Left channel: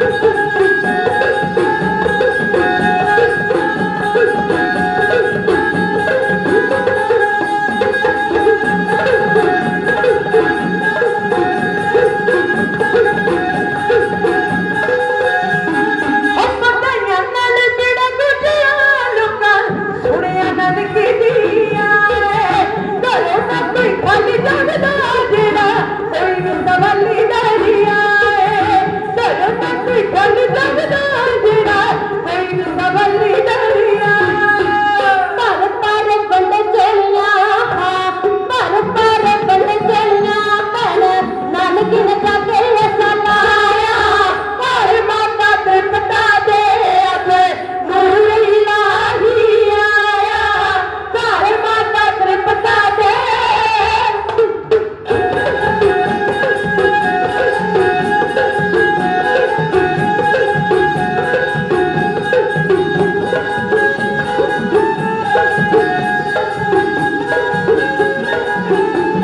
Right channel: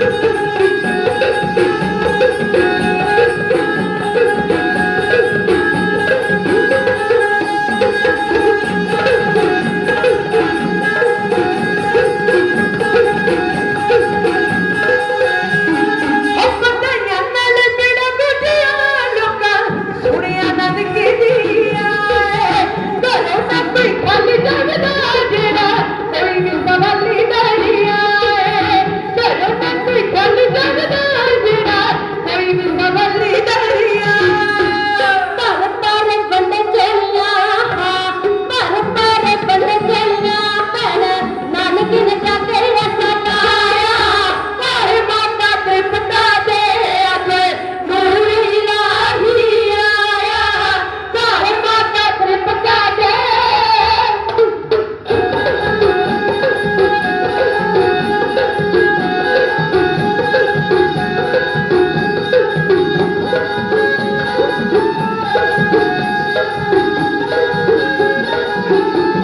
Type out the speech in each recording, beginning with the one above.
Thank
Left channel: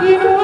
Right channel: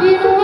Thank you.